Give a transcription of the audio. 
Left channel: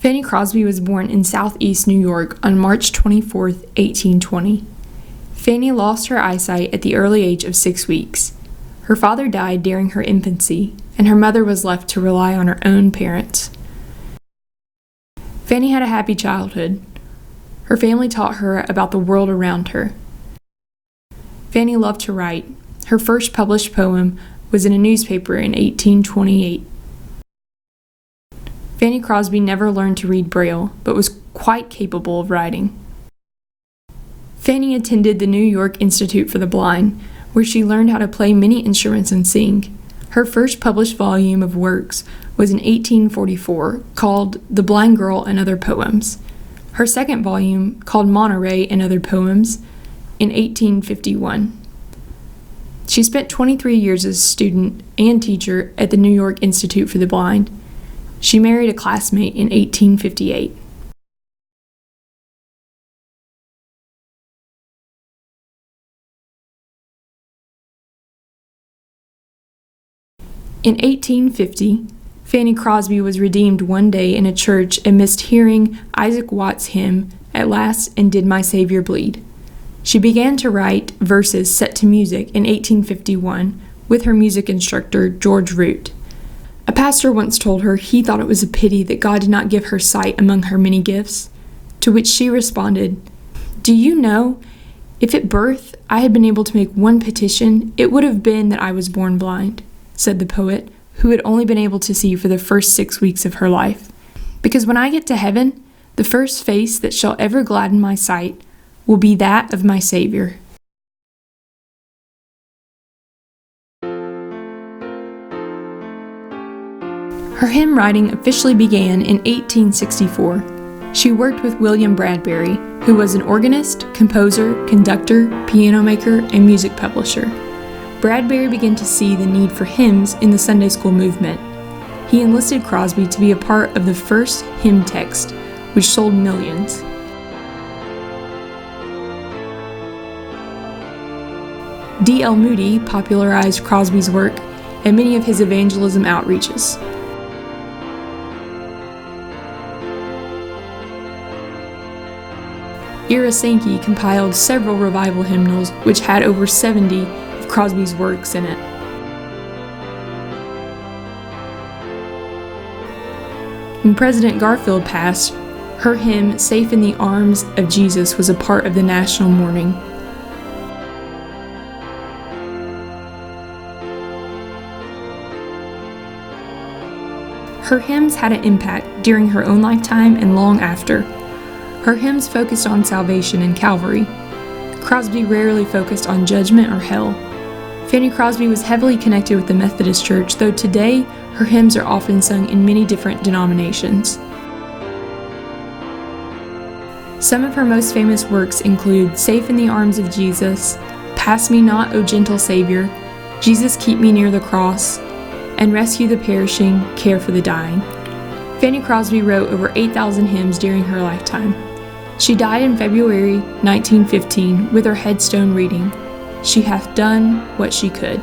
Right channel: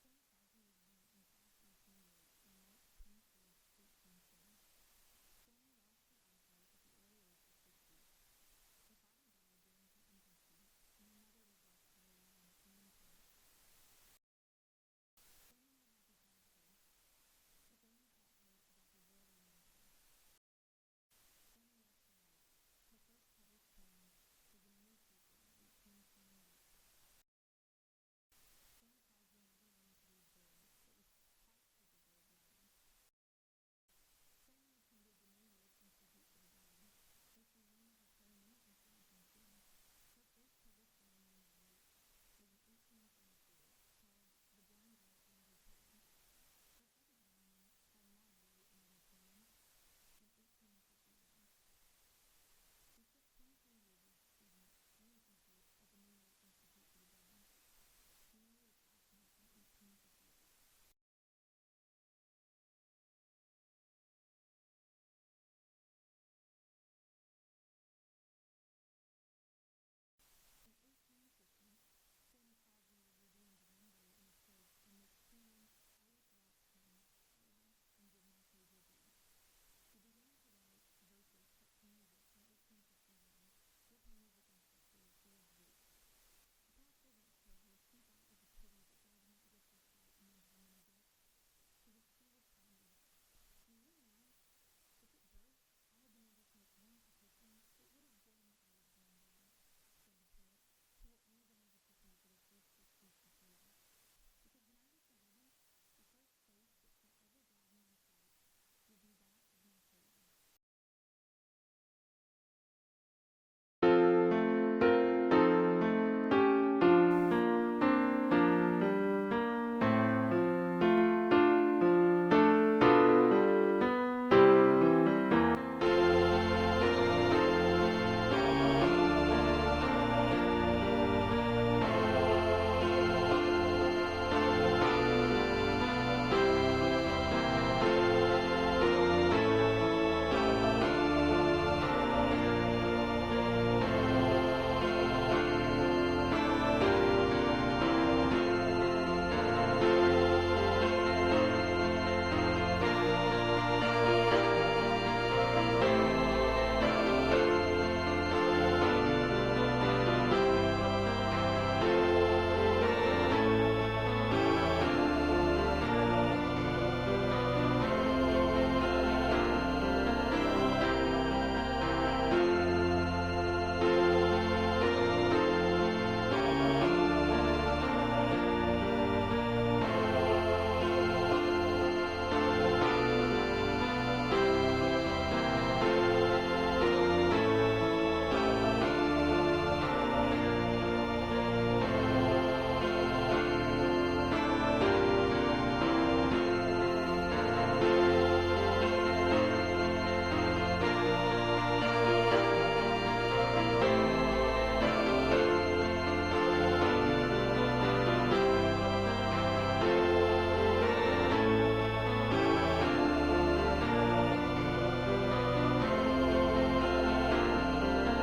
Fanny Crosby was born in southeast New York on March 24, 1820. Fanny lost her eyesight at the early age of 6 weeks. Her father died during her infancy, and her mother was left to rely on her own parents. Fanny had a happy childhood. Her family taught her about the world around her. Fanny loved to write. Her first published poem was in a newspaper in 1828. Fanny Crosby never learned to read Braille, but was quite capable of writing. Fanny attended the New York Institute for the Blind, where she learned how to play many instruments and sing. Her first published volume of works was in 1844, called The Blind Girl and Other Poems. Her second volume, called Monterey and Other Poems, in 1851. She spent 23 years as a student and teacher at the New York Institute for the Blind. She married a classmate in 1858. In 1850, Fanny Crosby was redeemed one day in a church amidst hearing Isaac Watts' hymn, "At Last and Did My Savior Bleed." She began to write verses set to music in 1851 with her music instructor, George Root. A pastor once told her he thought it was a pity that God did not give her sight among her many gifts, to which she responded, "Do you know, if at birth I had been able to make one petition, it would have been that I was born blind," said the poet, who had only been able to see for the first 6 weeks of her life. "Because when I get to heaven, the first face that shall ever gladden my sight will be that of my Savior." Her hymn writing officially began in 1864. She worked with William Bradbury, who was an organist, composer, conductor, piano maker, and music publisher. Bradbury began to see the need for hymns in the Sunday school movement. He enlisted Crosby to be a part of the first hymn text, which sold millions. D.L. Moody popularized Crosby's work at many of his evangelism outreaches. Ira Sankey compiled several revival hymnals which had over 70 of Crosby's works in it. When President Garfield passed, her hymn, "Safe in the Arms of Jesus," was a part of the national mourning. Her hymns had an impact during her own lifetime and long after. Her hymns focused on salvation and Calvary. Crosby rarely focused on judgment or hell. Fanny Crosby was heavily connected with the Methodist Church, though today her hymns are often sung in many different denominations. Some of her most famous works include "Safe in the Arms of Jesus," "Pass Me Not, O Gentle Savior," "Jesus Keep Me Near the Cross," and "Rescue the Perishing, Care for the Dying." Fanny Crosby wrote over 8,000 hymns during her lifetime. She died in February 1915 with her headstone reading, "She hath done what she could."